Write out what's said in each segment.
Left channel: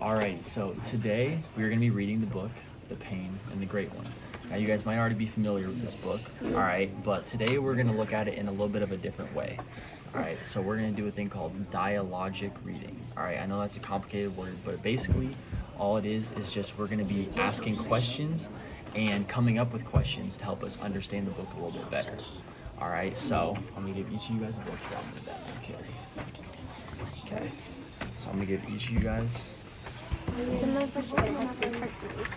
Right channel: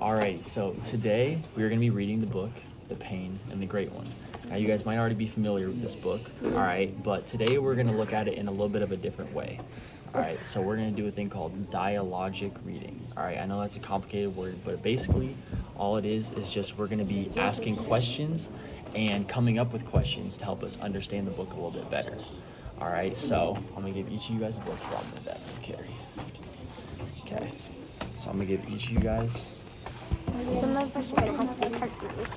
Alrighty, so today we're going to be reading the book, The Pain and the Great One. Now you guys might already be familiar with this book, alright, but today we're going to look at it in a little bit of a different way. Alright, so we're going to do a thing called dialogic reading. Alright, I know that's a complicated word, but basically all it is just we're going to be asking questions and coming up with questions to help us understand the book a little bit better. Alright, so I'm going to give each of you guys a book. Here, I'll move that one, Carrie. Okay, so I'm going to give each of you guys...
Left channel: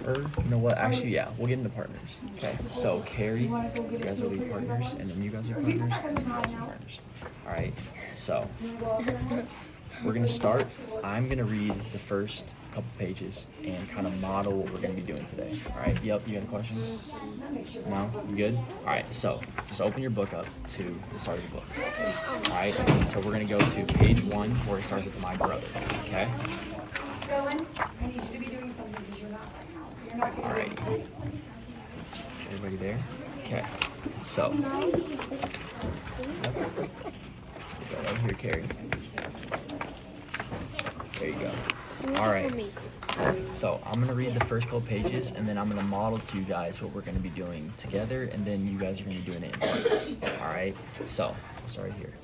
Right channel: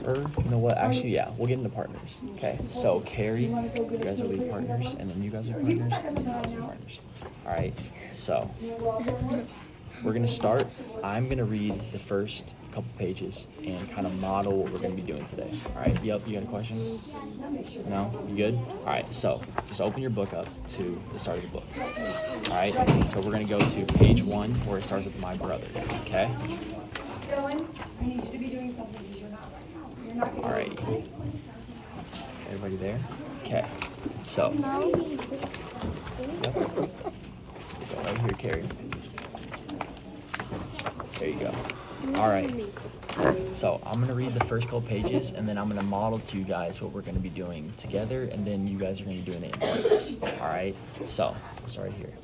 Or, you know what, actually, yeah, we'll get into partners. Okay, so Carrie, you guys will be partners, and then you guys will be partners, and then you guys will be partners. Alright, so we're going to start. I'm going to read the first couple pages and kind of model what we're going to be doing today. Alright, yep, you got a question? No? You good? Alright, so just open your book up to the start of the book. Alright, so we're going to go to page 1 where it starts with my brother. Okay? Alrighty. Everybody there? Okay. So. Yep. We'll go right here, Carrie. There you go. Alright. So I'm gonna read the first couple pages and then I'm gonna model to you guys what we're gonna be doing together, and then you guys are gonna be doing it in partners. Alright? So, we'll start right here.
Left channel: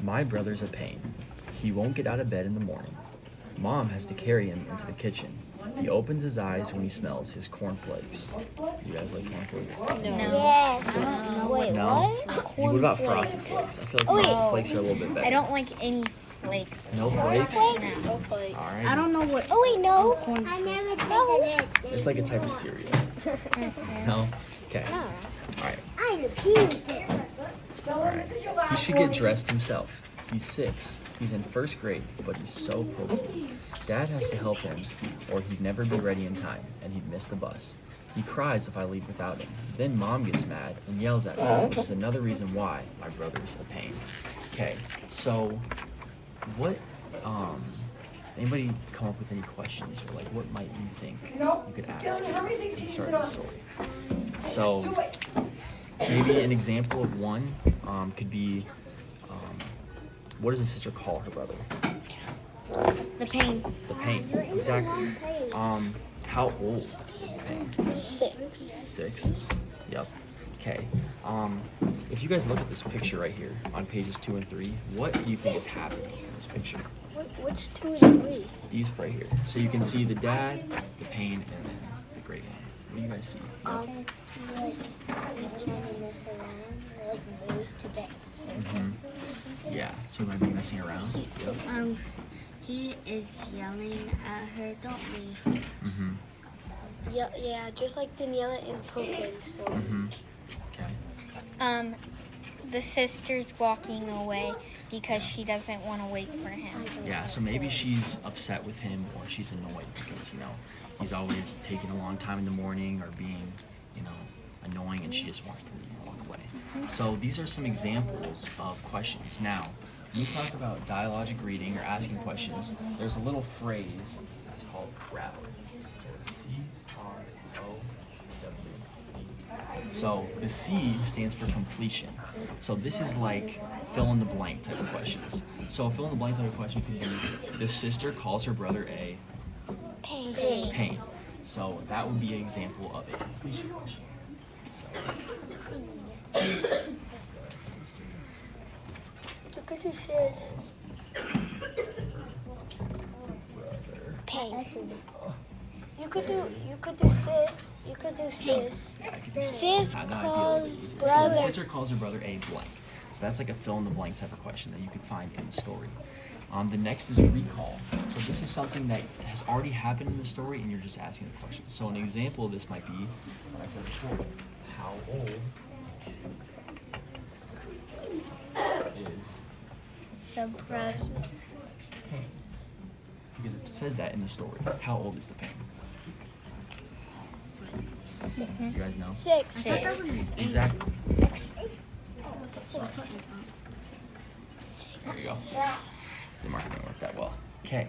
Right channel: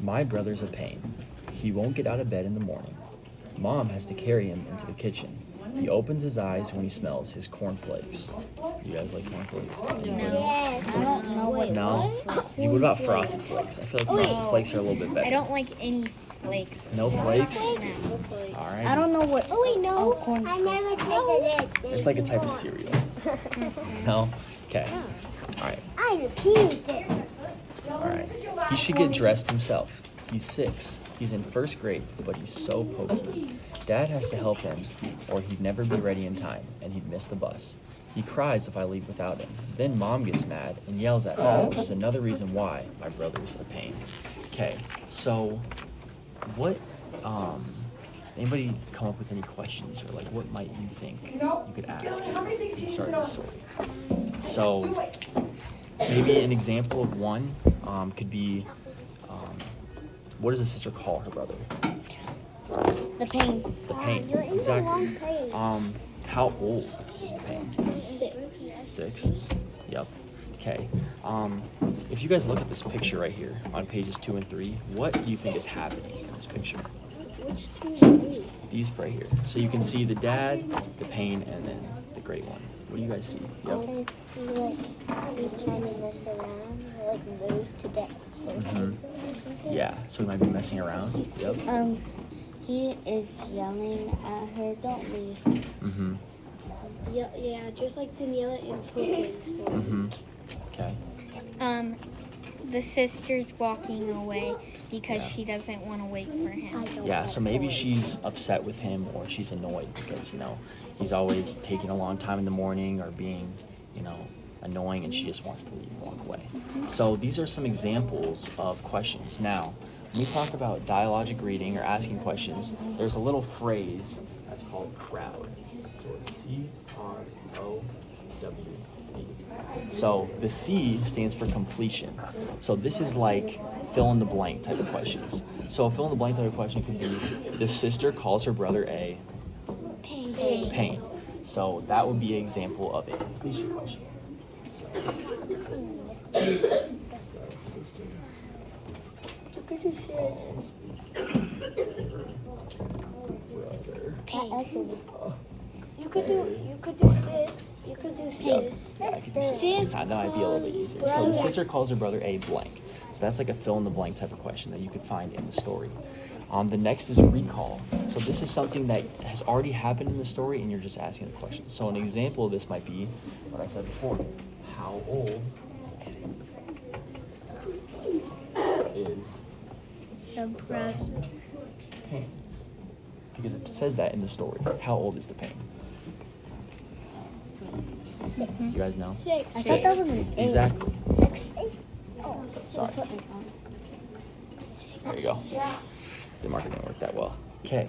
My brother's a pain. He won't get out of bed in the morning. Mom has to carry him into the kitchen. He opens his eyes when he smells his cornflakes. You guys like cornflakes? Anybody? No? What about Frosted Flakes? I feel like Frosted Flakes are a little bit better. I don't like any flakes. No flakes? No. Alright. I don't know what. Oh wait, no. Corn I never tasted it. It's like a type of cereal. No? Okay. Alright. I'm a kid. Alright. He should get dressed himself. He's 6. He's in 1st grade, but he's so pokey. Dad has to help him, or he'd never be ready in time, and he'd miss the bus. He cries if I leave without him. Then Mom gets mad and yells at me, which is another reason why my brother's a pain. Okay, so what, anybody come up with any questions, or like what might you think you could ask at the start of the story? So maybe an example of one could be, what does the sister call her brother? The pain. The pain, exactly. How old is the pain? 6. 6? Yep. Okay. If you guys look at this picture right here on pages 2 and 3, what do you think is happening in this picture? Which 2 and 3? These right here. So you can see the dad, the pain, and then the great one. What do you guys see? Yep. He's trying to mess around, like wait to get. Yeah. So we might be messing around. Yep. He is yelling at her, don't leave. Yeah, just like Daniela and Poke. So. Okay. The sister's walking away because she doesn't want to wait for him. Yeah, so maybe she's upset with him, or she's annoyed because, he's always taking a long time in the morning or being, annoying, and she just wants to leave and walk away. So these are some examples of questions. Now, when we talk about dialogic reading or asking questions, there's a little phrase that's called crowd. So it's CROWD. So the C stands for completion. So this is like fill in the blank type of questions. So a fill in the blank type of question could be, the sister calls her brother a pain. So that would be an example of a completion question. So, sister. Look at this. You could do sis. You could do sis. Yep. Yeah, I could do sis. That might be a little bit easier. So the sister calls her brother a blank. So that's like a fill in the blank type of question that you could find in the story. The next is recall. So this is something that has already happened in the story and you're just asking the question. So an example of this might be what I said before. How old is The brother. pain? Because it says that in the story. How old is the pain? 6. You guys know? 6. I thought that was an 8. Exactly. 6. Sorry. There you go. The marker didn't work that well. Okay,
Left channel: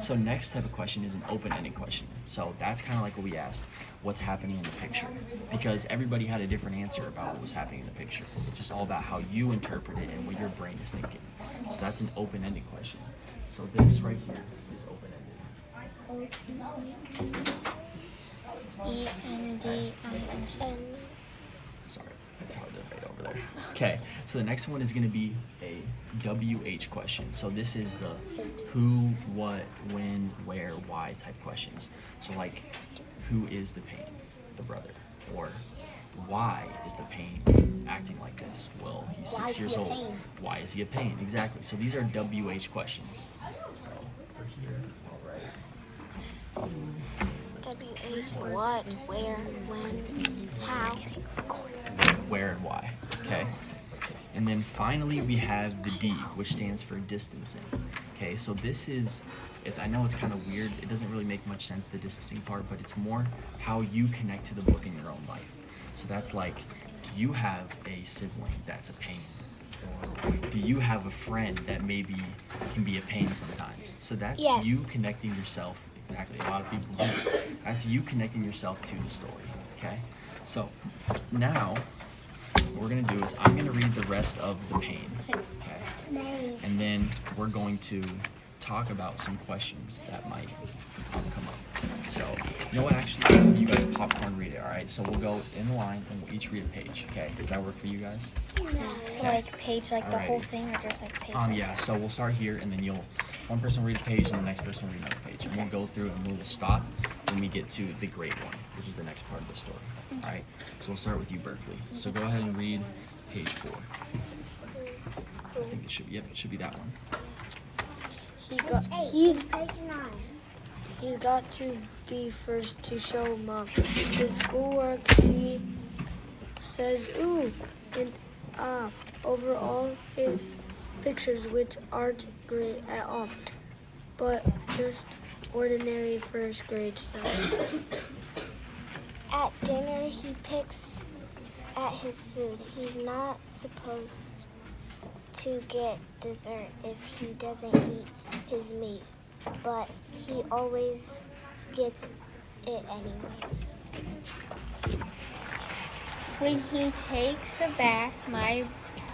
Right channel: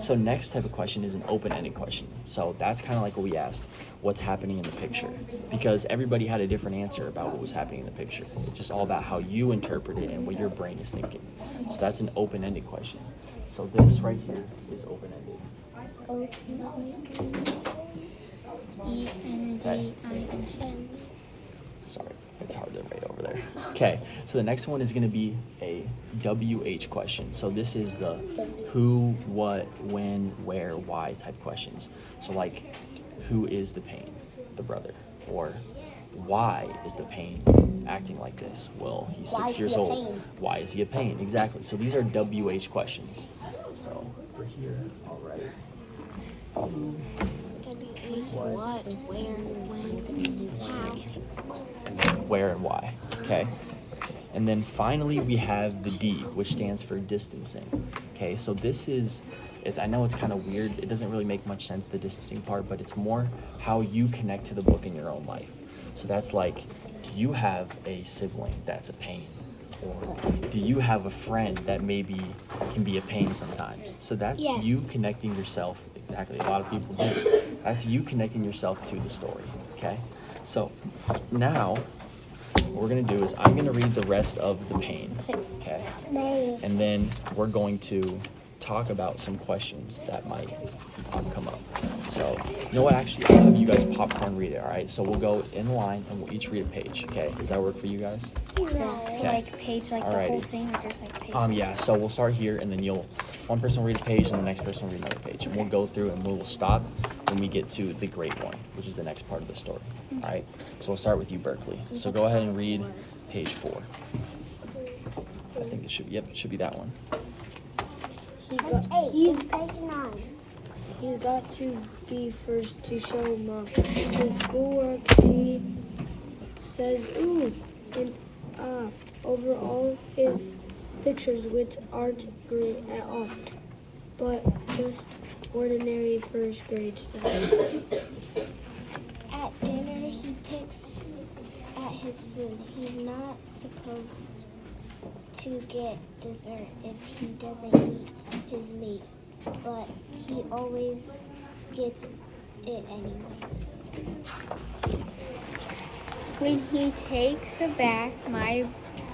so next type of question is an open-ended question. So that's kind of like what we asked, what's happening in the picture? Because everybody had a different answer about what was happening in the picture. It's just all about how you interpret it and what your brain is thinking. So that's an open-ended question. So this right here is open-ended. E-N-D-I-N. Sorry, it's hard to write over there. Okay, so the next one is going to be a WH question. So this is the who, what, when, where, why type questions. So like, who is the pain? The brother. Or why is the pain acting like this? Well, he's 6 years old. Why is he a pain? Exactly. So these are WH questions. So for here, I'll write What, where, when, how. where and why. Okay. And then finally we have the D, which stands for distancing. Okay, so this is, I know it's kind of weird. It doesn't really make much sense, the distancing part, but it's more how you connect to the book in your own life. So that's like, do you have a sibling that's a pain? Or do you have a friend that maybe can be a pain sometimes? So that's you connecting yourself. Exactly, a lot of people do. That's you connecting yourself to the story, okay? So now what we're going to do is I'm going to read the rest of the pain, okay? And then we're going to talk about some questions that might come up. So, you know what, actually, I'll have you guys popcorn read it, all right? So we'll go in line and we'll each read a page, okay? Does that work for you guys? So Okay. like a page, like the whole Alrighty. thing, or just like a page? Yeah, so we'll start here and then one person will read a page and the next person will read another page. And we'll go through and we'll stop when we get to the great one, which is the next part of the story, all right? So we'll start with you, Berkeley. So go ahead and read page 4. I think it should be, it should be that one. He's got to be first to show Mom his schoolwork. She says ooh and ah over all his pictures, which aren't great at all, but just ordinary first grade stuff. At dinner, he picks at his food. He's not supposed to get dessert if he doesn't eat his meat, but he always gets it anyways. When he takes a bath, my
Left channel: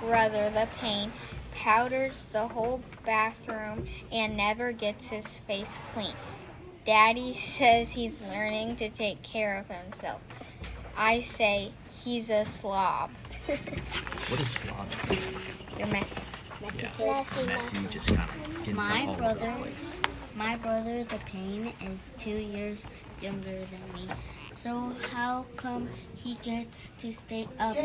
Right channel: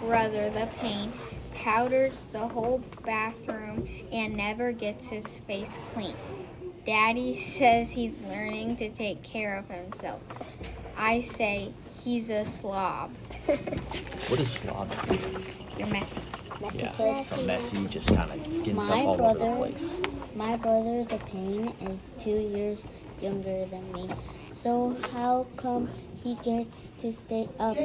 brother, the pain, powders the whole bathroom and never gets his face clean. Daddy says he's learning to take care of himself. I say he's a slob. What is slob? You're messy. Yeah, so messy, just kind of getting stuff all over the place. My brother, the pain, is 2 years younger than me. So how come he gets to stay up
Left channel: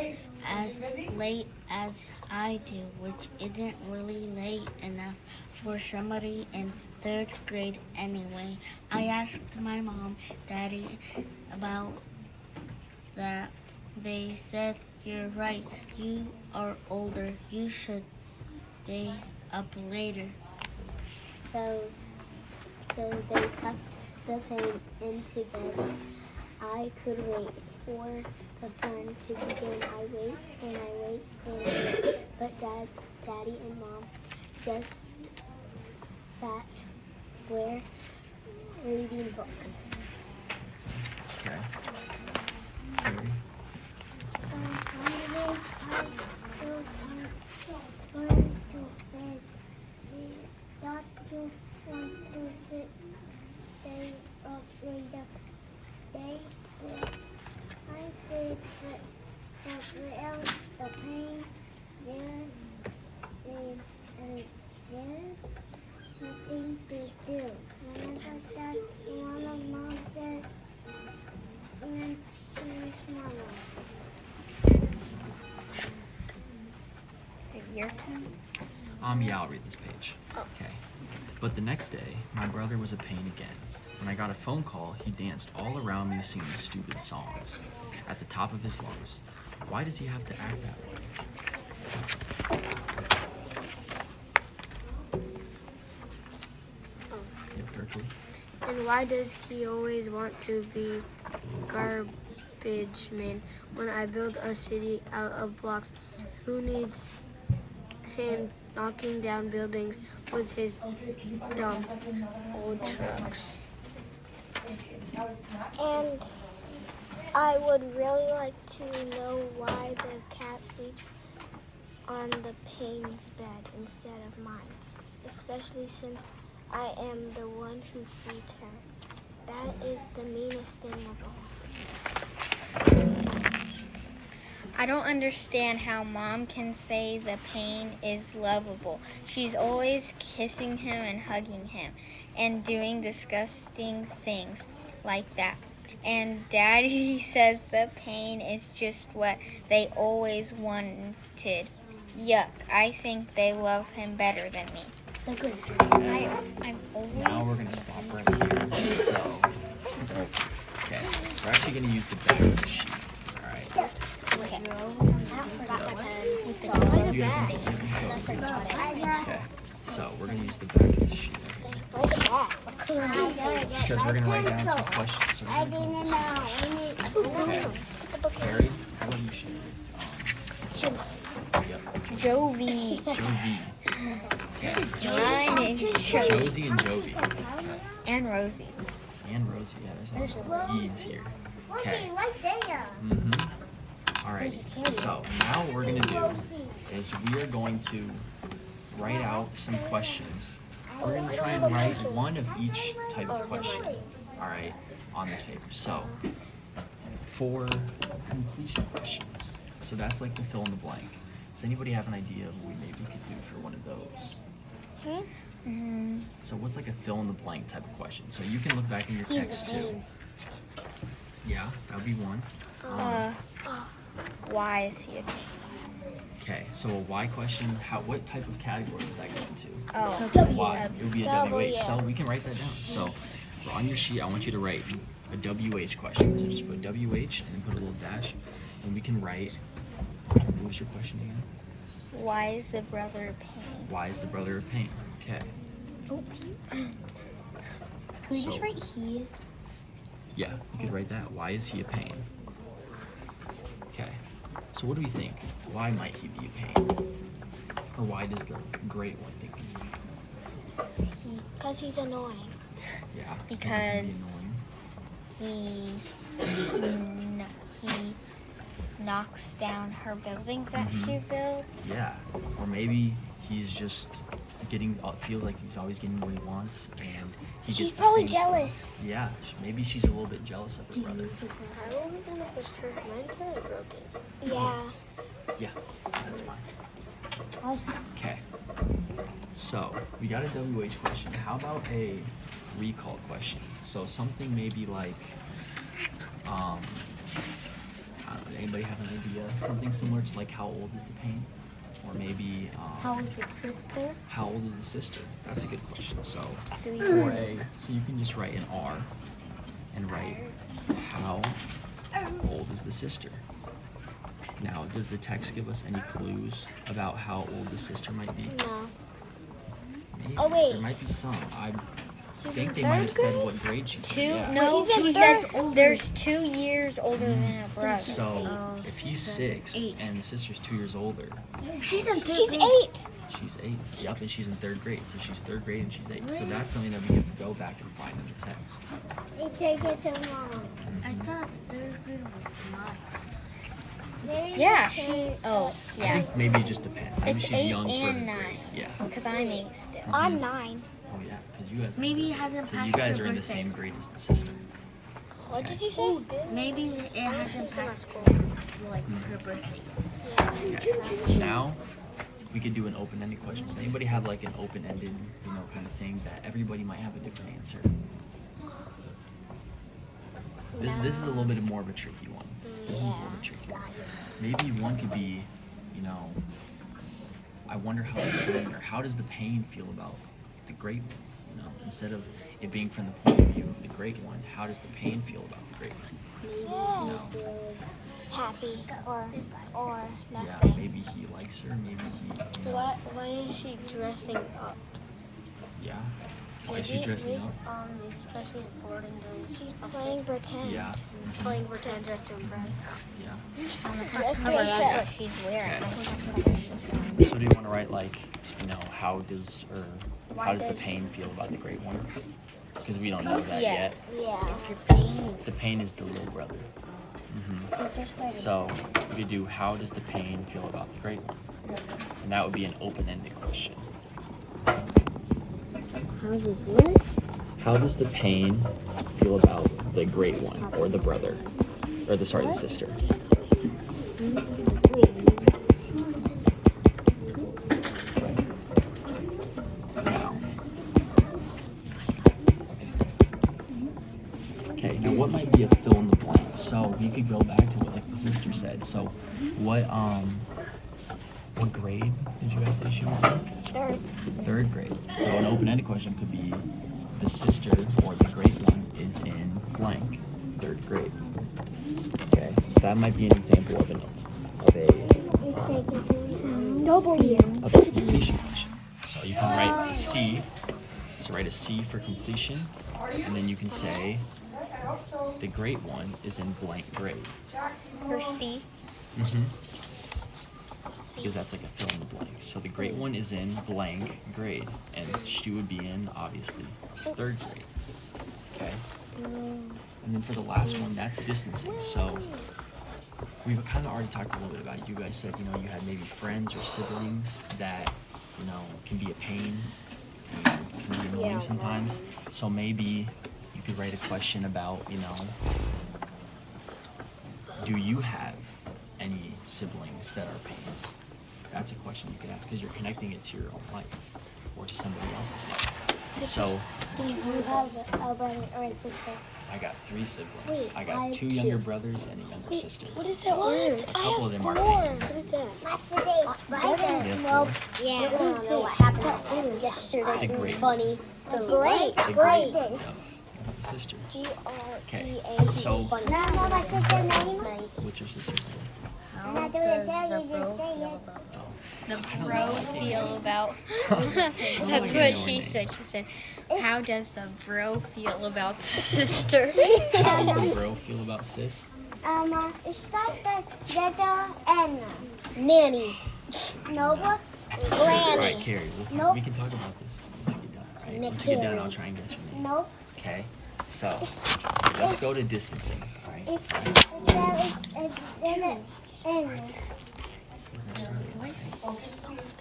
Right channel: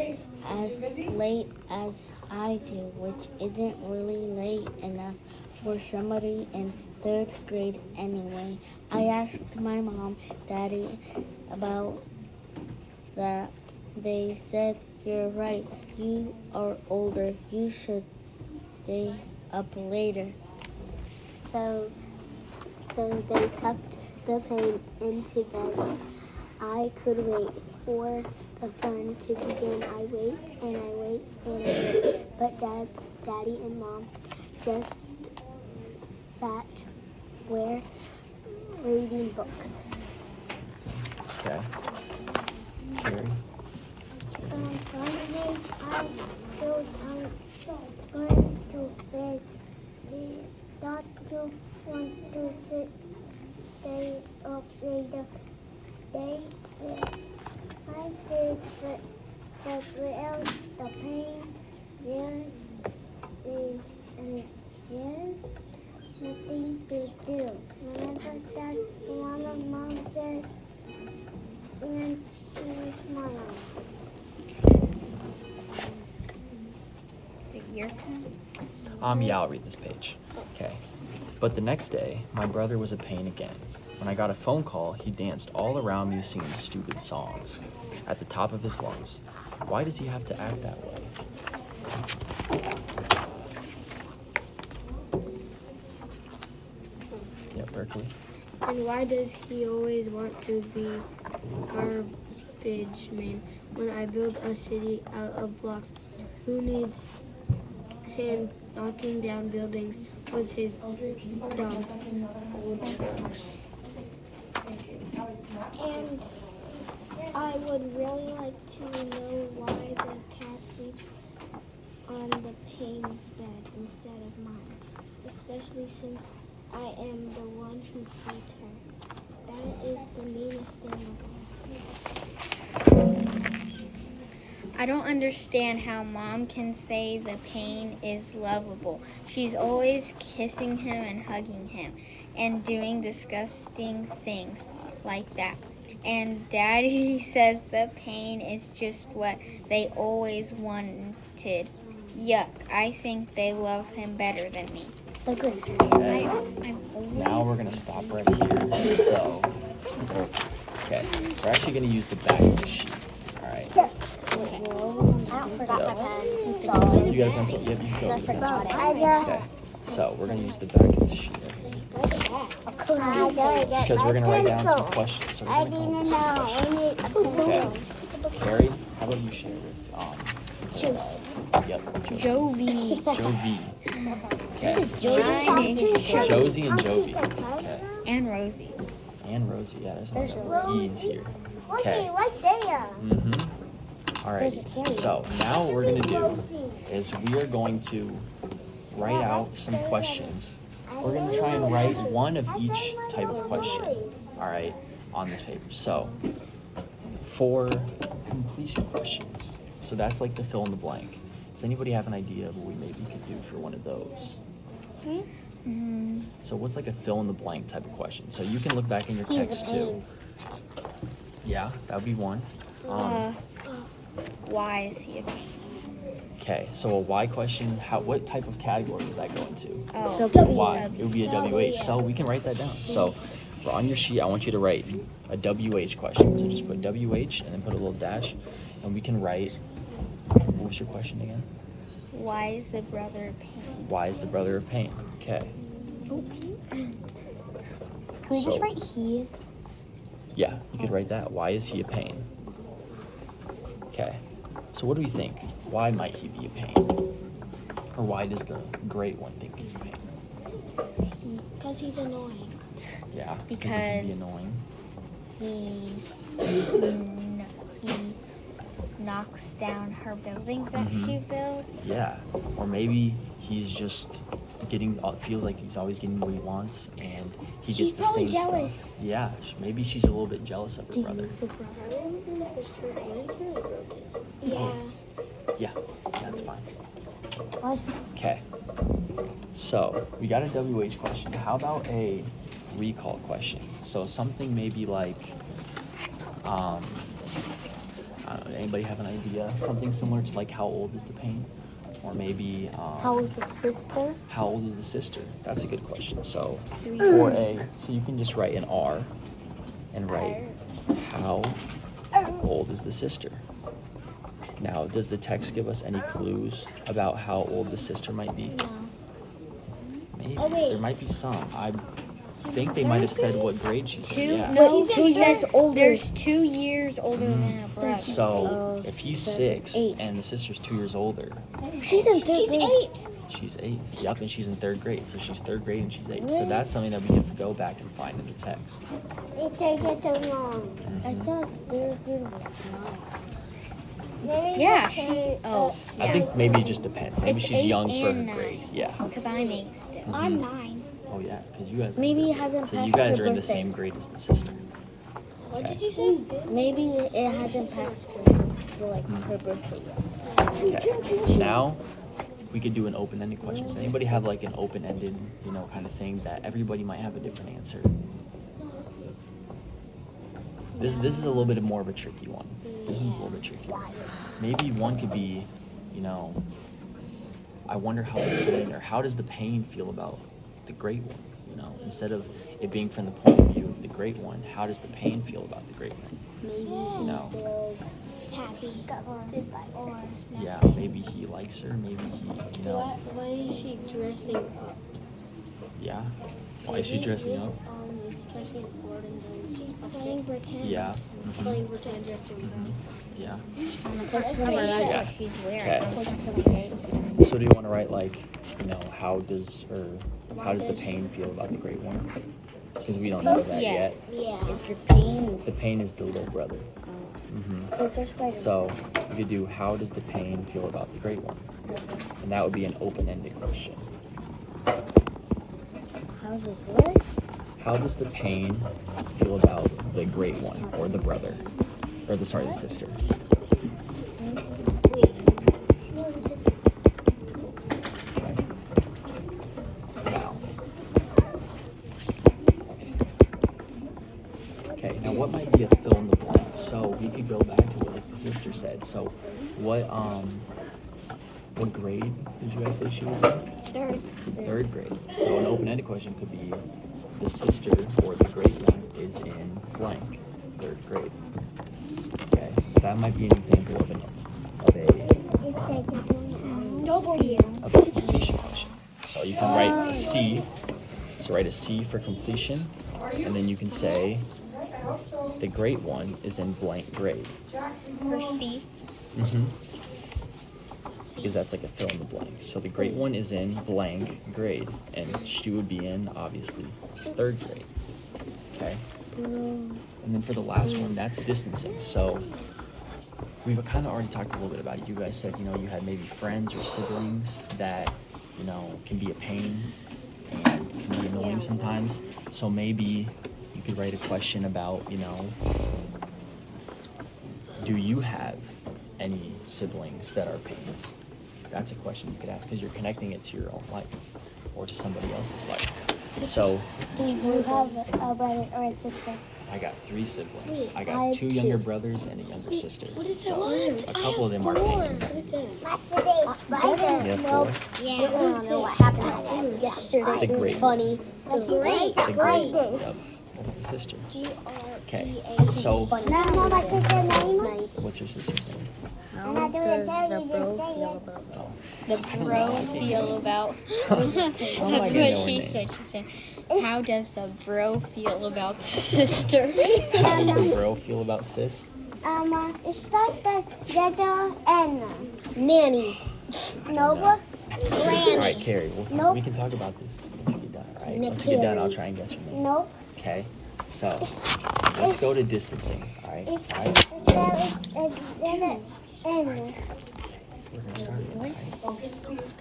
as late as I do, which isn't really late enough for somebody in 3rd grade anyway? I asked my mom, Daddy about that. They said, you're right, you are older, you should stay up later. So they tucked the pain into bed. I could wait for the fun to begin. I wait and I wait and I wait, but Daddy and Mom just sat there reading books. Okay. Carrie? Finally, I feel went to bed. He got to want to stay up later. They said I did the pain. There is nothing to do. Mother said, Mom said, and she smiled. Yeah, I'll read this page. Okay. But the next day, my brother was a pain again. When I got a phone call, he danced all around me singing stupid songs at the top of his lungs. Why does he have to act that way? Yeah, Berkeley. And why does he always want to be garbage man when I build a city out of blocks? Who needs him knocking down buildings with his dumb old trucks? And I would really like to know why the cat sleeps on the pain's bed instead of mine, especially since I am the one who feeds her. is the meanest thing of all? I don't understand how Mom can say the pain is lovable. She's always kissing him and hugging him and doing disgusting things like that. And Daddy says the pain is just what they always wanted. Yuck, I think they love him better than me. Okay. Now we're gonna stop right here. So, okay, we're actually gonna use the back of the sheet. All right. Yep. You got a pencil? Yep, you can go with a pencil. Okay. So we're gonna use the back of the sheet right here because we're gonna write down some questions. So we're gonna come up with some questions. Okay. Carrie, how about you share with Yep. Jovi. Jovi. Okay. Mine is Jovi. Josie and Jovi. Okay. And Rosie. And Rosie. Yeah, there's a lot of E's here. Okay. Right there. Alrighty. So now what we're gonna do is we are going to write out some questions. We're gonna try and write one of each type of question. All right, on this paper. So for completion questions, so that's like the fill in the blank. Does anybody have an idea of what we maybe could do for one of those? So what's like a fill in the blank type of question? So you can look back in your text too. Yeah, that would be one. Why is he a pain? Okay, so a why question, what type of category would that go into? Oh, Why? It would be a WH. So we can write that down. So on your sheet, I want you to write a WH question. So just put WH and then put a little dash, and we can write. What was your question again? Why is the brother a pain? Why is the brother a pain? Okay. So yeah, you could write that. Why is he a pain? Okay. So what do we think? Why might he be a pain? Or why does the great one think he's a pain? Because he's annoying. Yeah, because he can be annoying. He knocks down her buildings that she built. Yeah, or maybe he's just feels like he's always getting what he wants, and he gets the same stuff. Yeah, maybe she's a little bit jealous of her brother. Yeah, that's fine. Okay, so we got a WH question. How about a recall question? So something maybe like, I don't know, anybody have an idea? Something similar to like, how old is the pain? Or maybe, How old is the sister? how old is the sister? That's a good question. So for so you can just write an R and write, how old is the sister? Now, does the text give us any clues about how old the sister might be? No. Maybe. Oh, wait. There might be some. I think they might have said what grade she's in. Yeah. No, 2 years older. There's 2 years older than a brother. So if he's 6 8. and the sister's 2 years older, She's in third grade. she's 8. Yep, and she's in 3rd grade. So she's 3rd grade and she's 8. So that's something that we can go back and find in the text. It says it's wrong. I thought third grade was 9. Yeah. I think maybe it just depends. Maybe It's she's 8 young for her and 9. grade. Yeah. Because I'm 8 still. Mhm. I'm 9. Oh yeah, because you guys. are Maybe in it third hasn't grade. So passed you guys her are in the birthday. same grade as the sister. Okay. Maybe it hasn't passed her birthday yet. Okay. Now we could do an open-ended question. Does anybody have like an open-ended, kind of thing that everybody might have a different answer? This is a little bit more of a tricky one. This one's a little bit trickier. Maybe one could be, I wonder how does the pain feel about the great one? Instead of it being from the point of view of the great one, how does the pain feel about the great one? Maybe happy or Yeah, maybe he likes her, maybe he, Why is she dressing up? yeah. Why is she dressing up? Because she's bored and she's playing pretend. Yeah. playing pretend dressed to impress. Yeah. Yeah. She's Okay. So do you want to write like, how does the pain feel about the great one? Because we don't know that yet. Yeah. Is the pain? The pain is the little brother. So just write it. So we could do, how does the pain feel about the great one? And that would be an open-ended question. How does what? How does the pain feel about the great one, or the brother, or the sister? Okay, now what might be a fill in the blank? So we could go back to what like the sister said. So what grade did you guys say she was in? Third grade. So an open-ended question could be the sister or the great one is in blank, third grade. Okay, so that might be an example of a completion question. So you can write a C. So write a C for completion, and then you can say the great one is in blank grade. For C. Because that's like a fill in the blank. So the great one is in blank grade, and she would be in, obviously, third grade. Okay? And then for the last one, that's distancing. So we've kind of already talked a little bit about it. You guys said, you had maybe friends or siblings that, can be a pain and can be annoying sometimes. So maybe you could write a question about, do you have any siblings that are pains? That's a question you could ask because you're connecting it to your own life or to somebody else's life. So, Do you have a brother or a sister? I got 3 siblings. I got 2 younger brothers and a younger sister. So, a couple of them are pains. You have 4? Yeah. What happened yesterday? The great one. Funny. The great. The great one. Yep. That's the sister. Okay. So, what's your sister's name? How does the bro feel about Oh. The I don't know, bro I think feel about. I'm That's not what gonna know her she name. said. She said, "How does the bro feel about the sister?" How does the bro feel about sis? It's like the Dada and Nanny. Nova? Granny. Alright, Carrie, Nope. we can talk about this when we get done, alright? Once we get done, I'll try and guess your name. No. Okay? So, let's go to distancing, alright? Alright? We're gonna start it,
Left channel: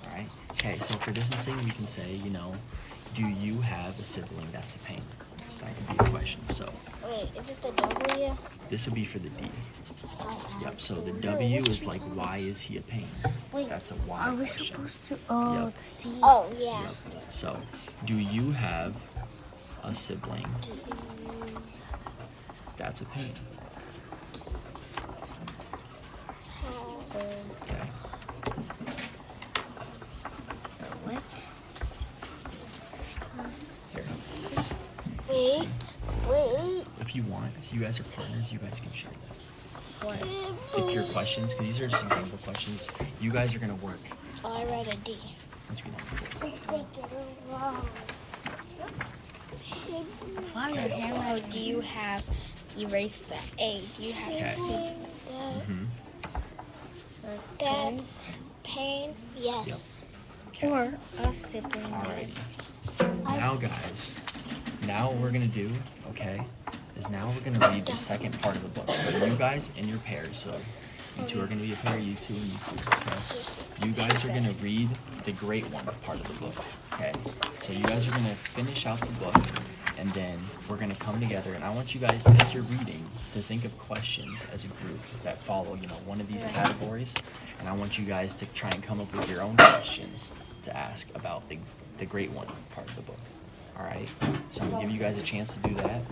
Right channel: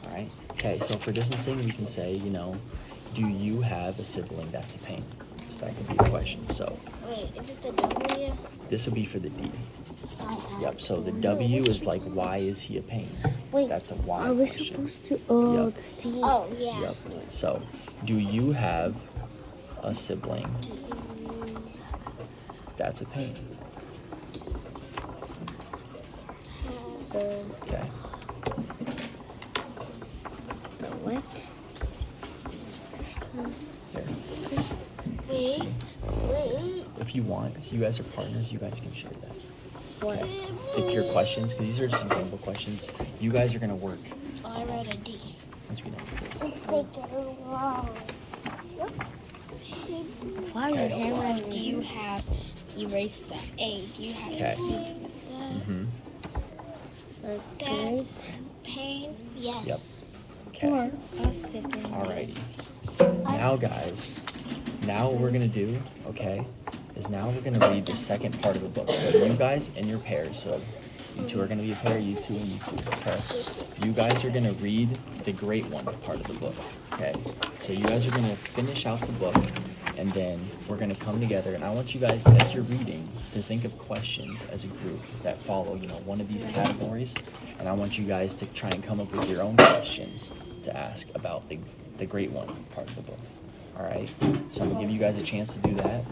alright? Okay, so for distancing, we can say, do you have a sibling that's a pain? So that could be a question. So, Wait, is it the W? this would be for the D. Yep, so the W is like, why is he a pain? Wait, That's a why Are we question. supposed to? Oh, Yep. the C. Oh yeah. Yep. So, do you have a sibling that's a pain? Okay. What? Here. Wait. If you want, if you guys are partners, you guys can share that. Okay. Pick your questions, because these are just example questions. You guys are going to work I'll write a D. once we know this. Wow, your Okay. hammer Do you have erase the A? Do you have Okay. C? Mm-hmm. That's pain. Yes. Yep. Okay. Or a sibling? All right. Now, guys, now what we're going to do, okay, is now we're going to read the second part of the book. So you guys and your pairs, so you two are going to be a pair, you two and you two, okay? You guys are going to read the great one part of the book, okay? So you guys are going to finish out the book, and then we're going to come together, and I want you guys, as you're reading, to think of questions as a group that follow, one of these categories, and I want you guys to try and come up with your own questions to ask about the great one part of the book. All right, so I'm gonna give you guys a chance to do that,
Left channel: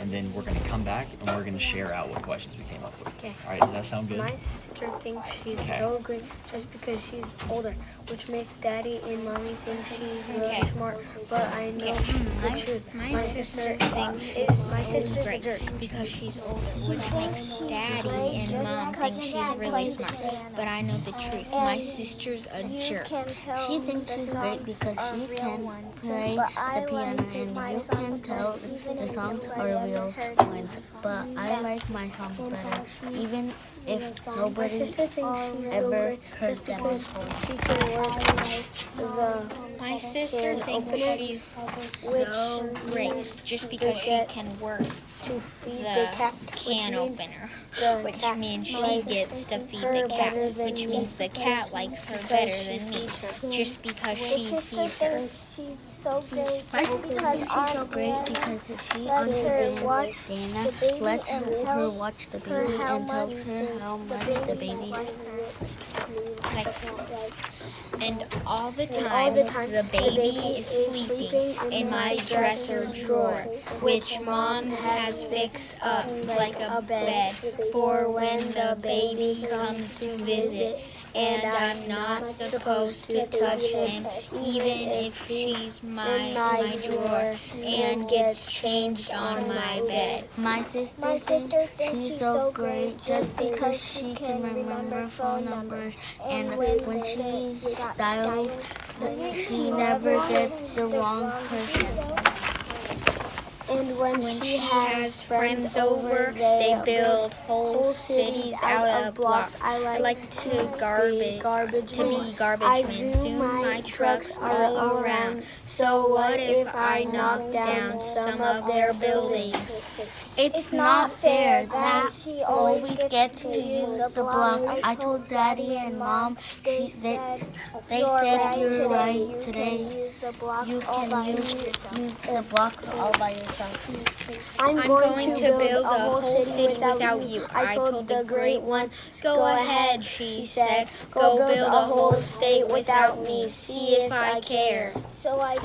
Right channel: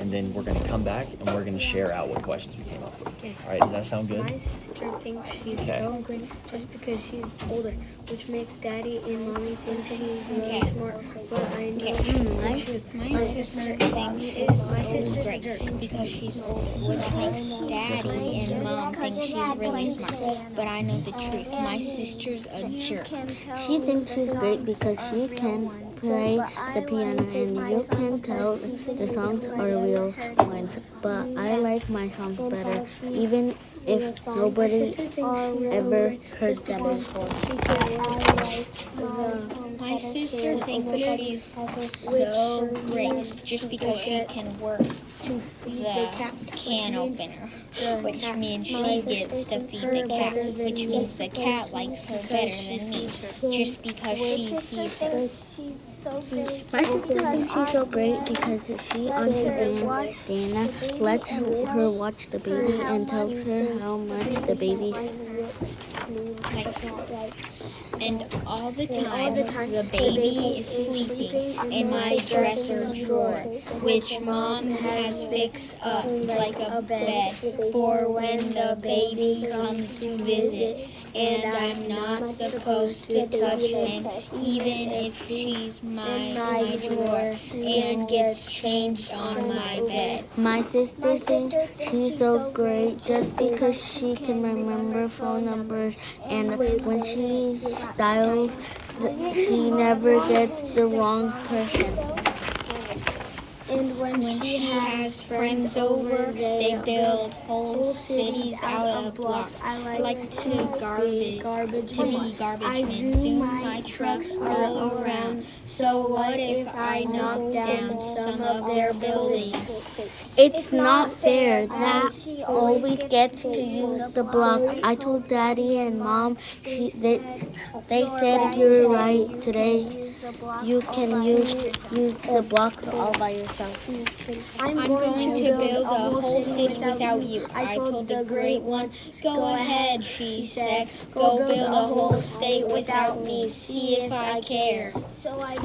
and then we're gonna come back and we're gonna share out what questions we came up with. Okay. All right, does that sound good? My sister thinks she's Okay. so good just because she's older, which makes Daddy and Mommy think she's really Okay. smart. But I know Okay. the truth. My sister thinks she's great because she's older, which makes Daddy and Mom think she's really smart. But I know the truth. My sister's a jerk. She thinks she's great because she can play the piano and you can tell the songs are real ones. But I like my songs better, even if My nobody sister thinks she's so ever great heard just them because before. she can run My sister thinks she's so great just because she can work to feed the the cat, can opener, which means she gets to feed the cat, which means the cat likes her better than me, just because she feeds her. she's so great. My sister thinks she's so great because she auntie Dana lets her watch the baby and tells her how much the baby Nice. And all the time, the baby is sleeping in my dresser drawer, which Mom has fixed up like a bed for when the baby comes to visit. And I'm not supposed to touch him, even if she's my drawer and gets changed on my bed. My sister thinks she's so great just because she can remember phone numbers, and when she dials, she never gets the wrong person. And When she has friends over, they build whole cities out of blocks. I like to be garbage man, zoom my trucks all around. So what if I knock down some of their buildings? It's not fair that she always gets to use the blocks. I told Daddy and Mom they said you're right. Today you can use the blocks all by yourself. I'm going to build a whole city without you. I told the great one, go ahead, she said. Go build a whole state without me. See if I care. So I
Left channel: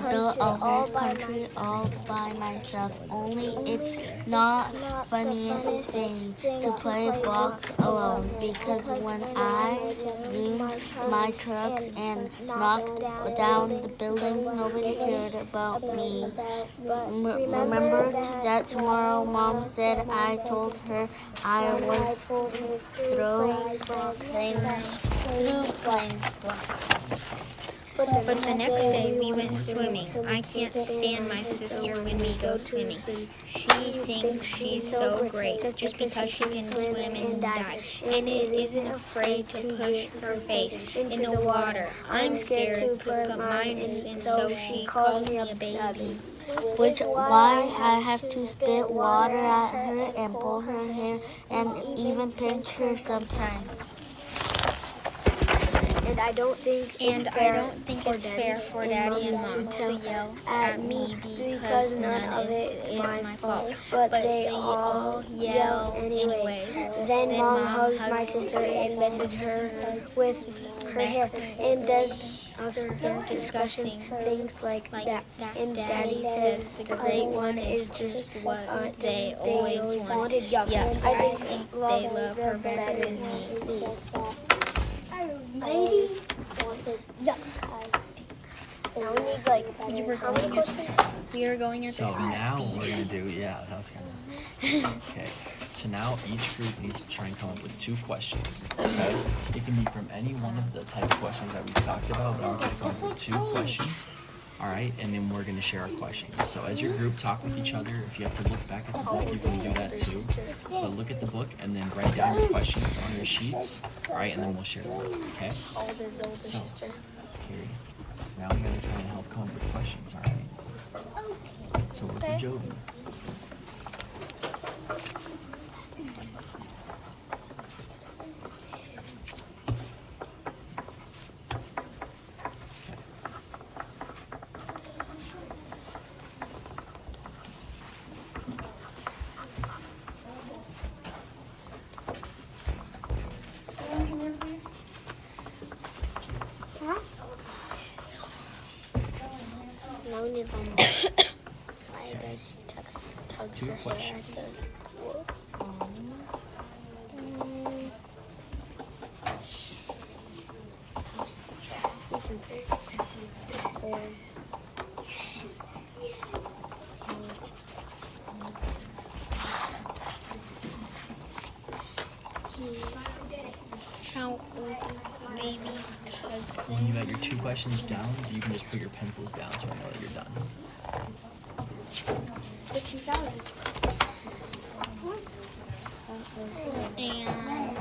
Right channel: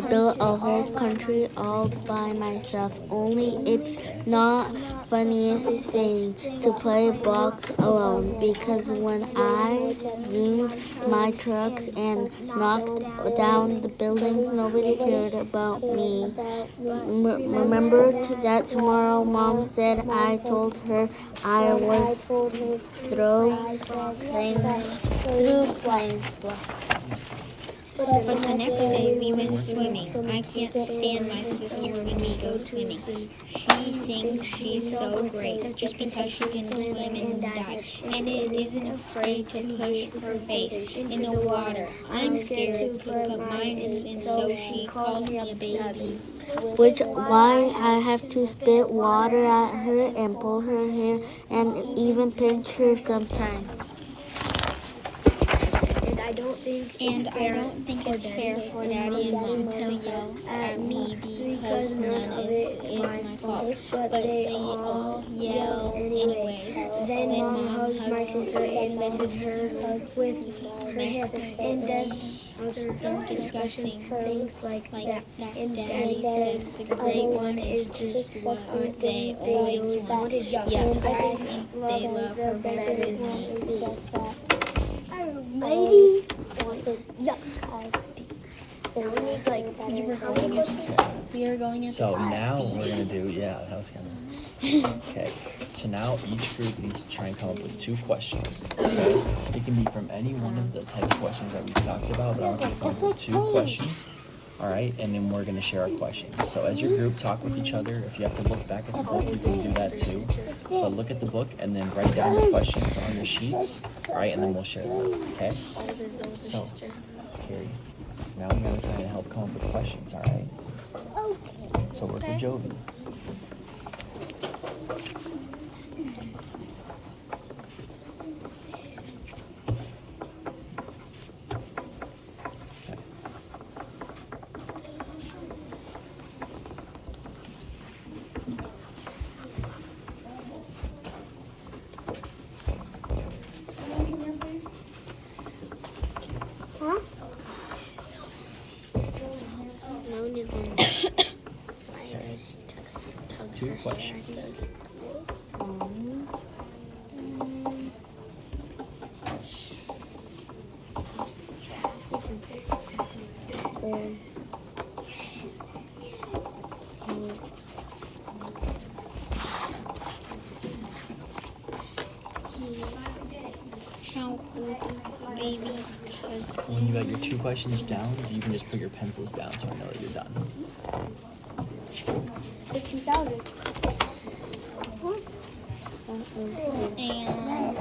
built a whole country all by myself. Only it's not funniest thing to play blocks alone, because when I zoomed my trucks and knocked down the buildings, nobody cared about me. Remember that tomorrow Mom said I told her I was through playing blocks. But the next day we went swimming. I can't stand my sister when we go swimming. She thinks she's so great just because she can swim and dive, and it isn't afraid to push her face in the water. I'm scared to put mine in, so she calls me a baby. Which why I have to spit water at her and pull her hair and even pinch her sometimes. And I don't think it's fair for Daddy and Mom to yell at me because none of it is my fault. But they all yell anyways. Then Mom hugs my sister and misses her with her hair and does other disgusting things like that. And Daddy says the great one is just what they always wanted. Yeah, I think they love her better than me. Lady. We were going at So the same now speed. we're gonna do, yeah, that was kind of, okay. So now each group needs to try and come up with 2 questions, okay? It can be from any one of the type of questions that we've talked about, but I want you to come up with 2 questions, all right? And then we're gonna share our questions. So as your group, talk with each other. If you have to look back at the book, you can do that too. But look at the book and then write down your questions on your sheets, all right? And then we'll share them, okay? So, Carrie, now you're gonna try to help come up with questions, all right? So work with Jovi. Okay. 2 questions. How old is the baby's cousin? When you got your 2 questions down, you can just put your pencils down so I know that you're done. And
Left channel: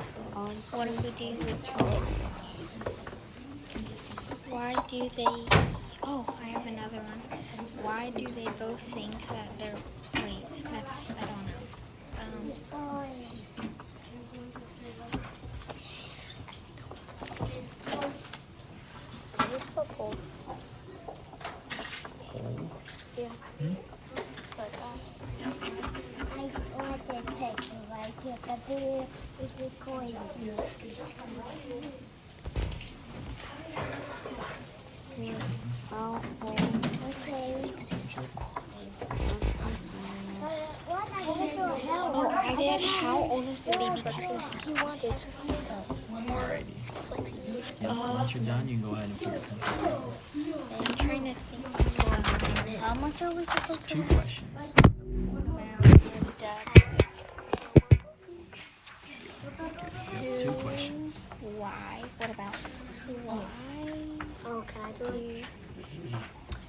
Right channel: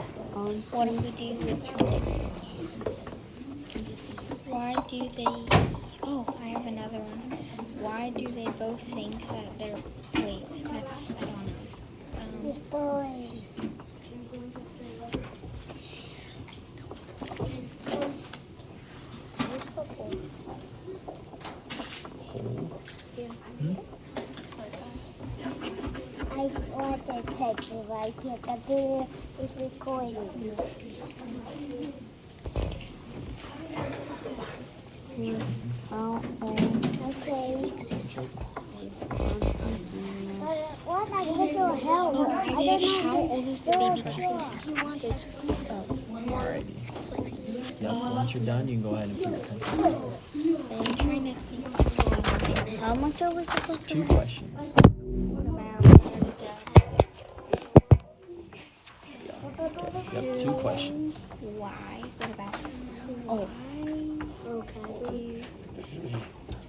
what if we do with why do they I have another one. Why do they both think that they're that's I don't know. I can't computer is recording. How old is the baby cousin? Alrighty. Yep, once you're done, you can go ahead and put your pencils down. I'm trying to think How much are we supposed to? 2 questions. about Okay, yep, 2 questions. why. What about? Oh, Oh, can I do it?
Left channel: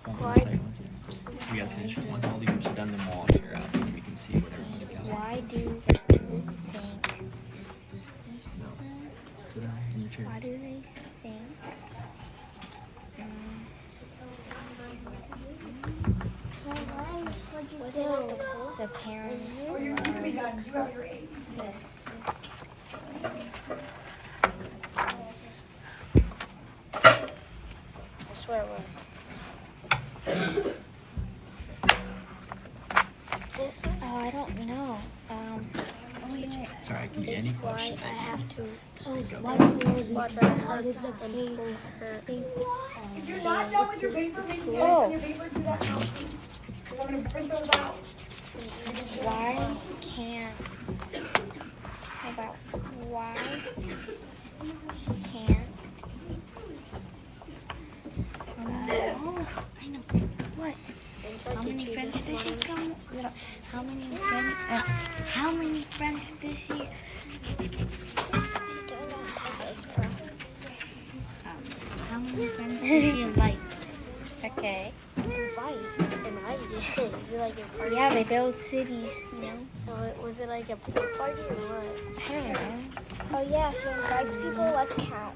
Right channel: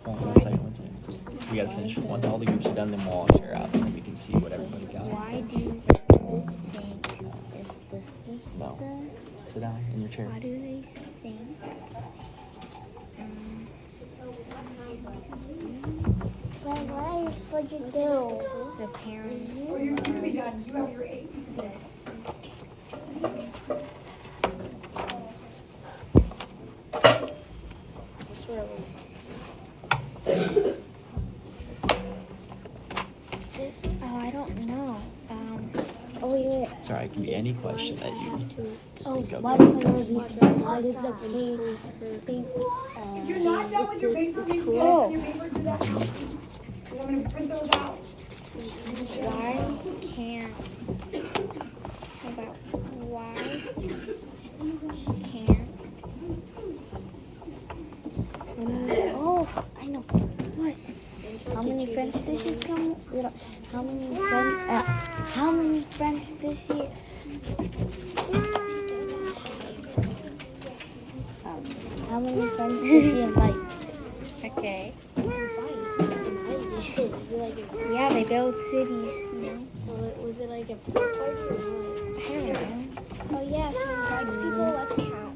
Hold on one second, one second. We gotta finish. Once all the groups are done, then we'll all share out, and then we can see what everybody got. Why do you think? is the sister? No. Sit down in your chair. Why do they think? What'd you do? The parents. This. I swear it was. Oh, I don't know. Oh, wait. Sorry, it can be any question that you have to. can think of. What was How did the pain think? You're not done with your paper reading yet, Oh. and your paper's in that box. So when you print those out, Why can't? How about why can't? Oh, I know. What? How many friends does he come? How many friends? How many friends does he? How many friends does he invite? Okay. Yeah. Yeah, they build cities, you know. Was it like a pool party or what? I don't know. oh yeah, so invites people, let's count.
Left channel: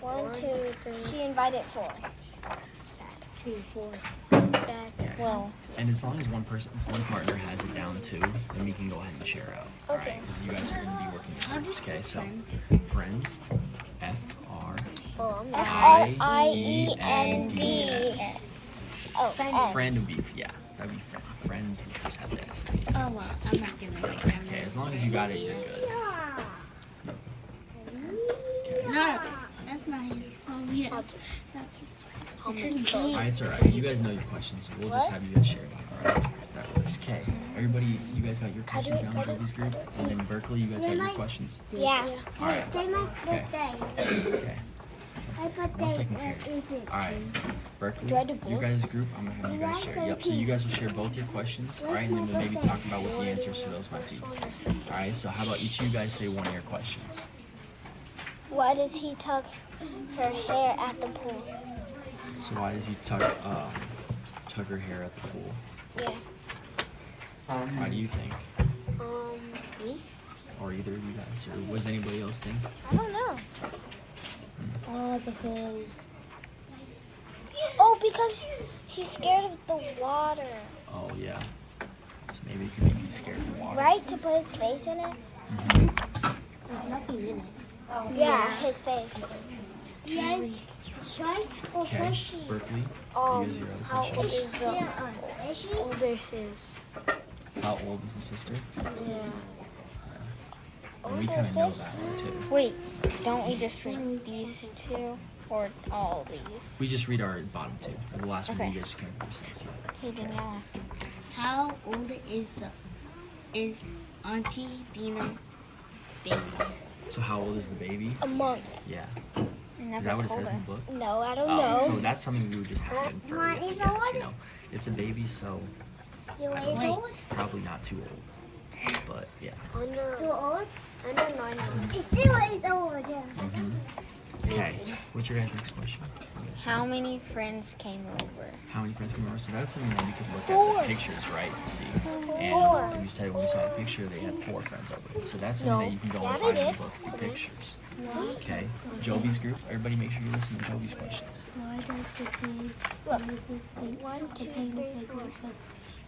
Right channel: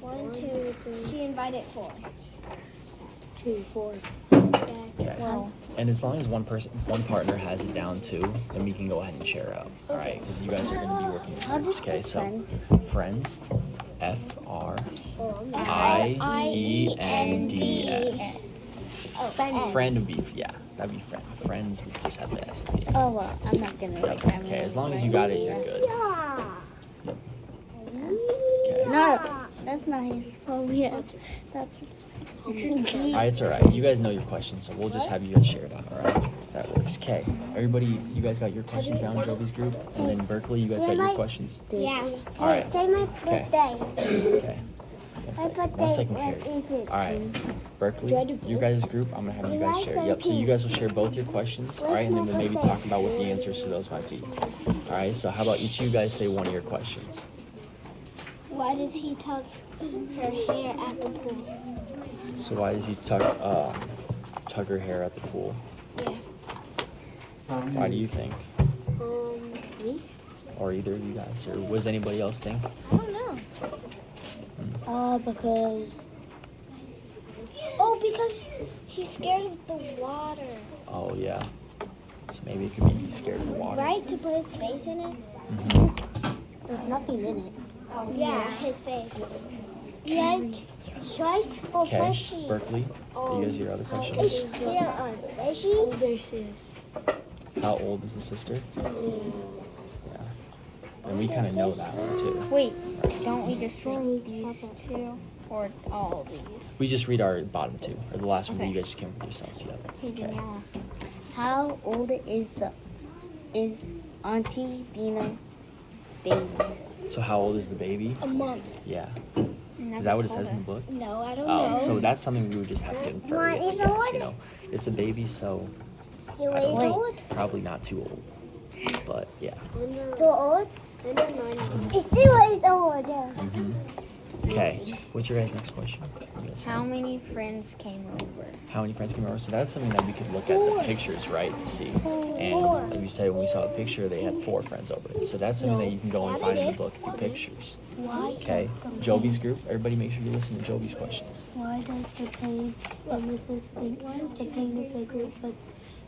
One, two, three. She invited 4. 2, 4. Okay. And as long as one partner has it down too, then we can go ahead and share out. All right, because you guys are going to be working in How groups. does Okay, so friends? friends, Oh, FRIENDS. Friend would be that'd be friend. Friends would just have the S at the end. Oh well, I'm not gonna Yep. write that. Okay, as long as you got it, you're good. Yep. Okay. No, that's not his phobia. That's. All right, it's all right. You guys know your questions, so we'll just have you guys share it out. All right, that works. Okay, everybody, you guys got your questions down, Jovi's group, and then Berkeley, you guys got your questions. Yeah. All right. Say my Okay. birthday. Okay. One second, Carrie. All right, Berkeley, you guys' group, I'm gonna have you guys share. Yep. So you guys will share both your questions. All right, and then we'll maybe talk about what the answers to those might be. All right. So how about each of you guys say one of your questions? Why does he tuck her hair at the pool? So why does he tug her hair at the pool? Why do you think? Me? Or either of you guys? Or was anybody else think? I don't know. Because. Oh, because he's scared of the water. Oh yeah. So maybe it could be he's scared of the water. Right? To put his face in it? Mm-hmm. There's nothing in it. Yeah, his face. Right? Right? Or Okay, fishy. Berkeley, you guys your other Is questions? there a fishy? This is. How old is the sister? Yeah. And we kind of know that one too. Wait, don't we just read these two or all these? We just read our bottom 2, or the last one that you guys just came up with yourselves. Yeah. Okay, Okay. now. How old is Auntie Dina baby? So how old is the baby? A month. Yeah. Is that what it says in the book? No, I don't Oh, know. so that's something we would just have to infer, we have to guess, you know. It's a baby, so I don't know. Probably not too old. But yeah. Too old? Under 9 months. It's still is old. Mm-hmm. Okay. What's your guys' next question? You guys How many friends came over? How many friends came over? So that's something that we could look at the pictures, right, to see. And like you said, when we saw the picture, they had 4 friends over. So that's something that you can go and find in the book through pictures. Okay. Jovi's group, everybody make sure you listen to Jovi's questions. Why does the famous think the famous group of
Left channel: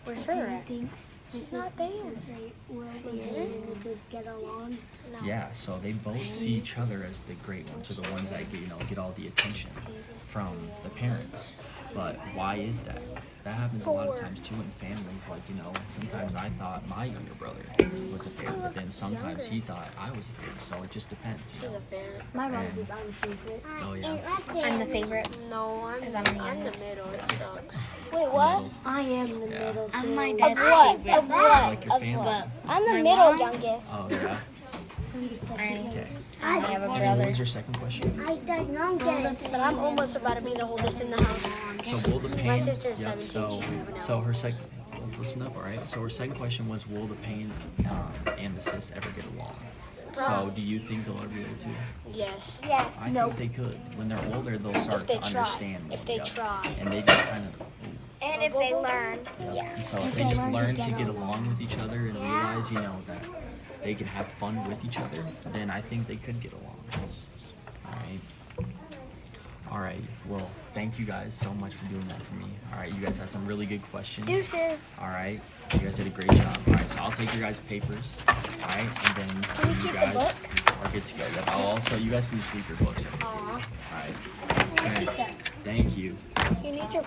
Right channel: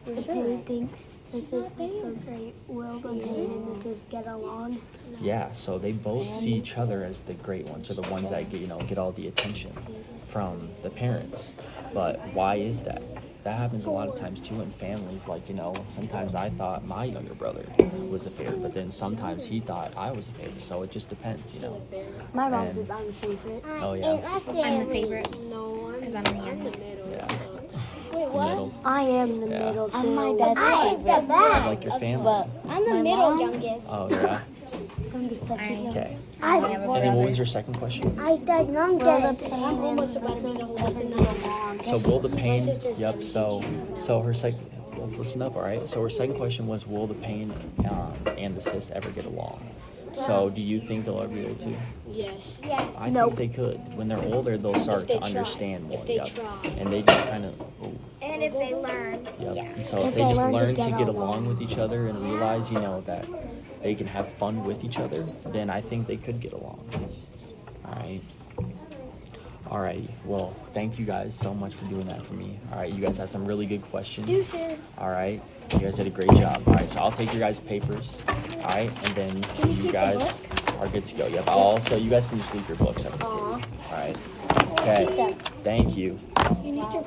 Where's the her at? thinks This is something will and this is get along. Yeah, so they both see each other as the great ones, or the ones that get all the attention from the parents. But why is that? That happens a lot of times too in families. Like, sometimes I thought my younger brother was the favorite, but then sometimes he thought I was the favorite. So it just depends, My mom's And- a favorite. Oh yeah, I'm the favorite. No, I'm Because I'm the the youngest. middle. Yeah. It sucks. the middle. I am the Yeah. middle. I'm my too. dad's favorite. Like your family. But I'm the my middle mom, youngest. Oh yeah. I'm the second. Okay. I have a And then what brother. was your second question? I said no, Dad. But I'm almost about to be the oldest in the house. So will the pain? sister's Yep. 17. So her second. Let's listen up, all right. So her second question was, will the pain and the sis ever get along? So do you think they'll ever be able to? Yes. I think they could. When they're older, they'll start they to try. understand more. If they Yep. try. And they just kind of. And if they learn. Yep. And so if they just learn to get along with each other and realize, that they can have fun with each other, then I think they could get along. All right. All right. Well, thank you guys so much for doing that for me. All right. You guys had some really good questions. Deuces. All right. You guys did a great job. All right. So I'll take your guys' papers. All right. And then you guys are good to go. Yep. You guys can just leave your books at the table. All right. Okay. Thank you. You need your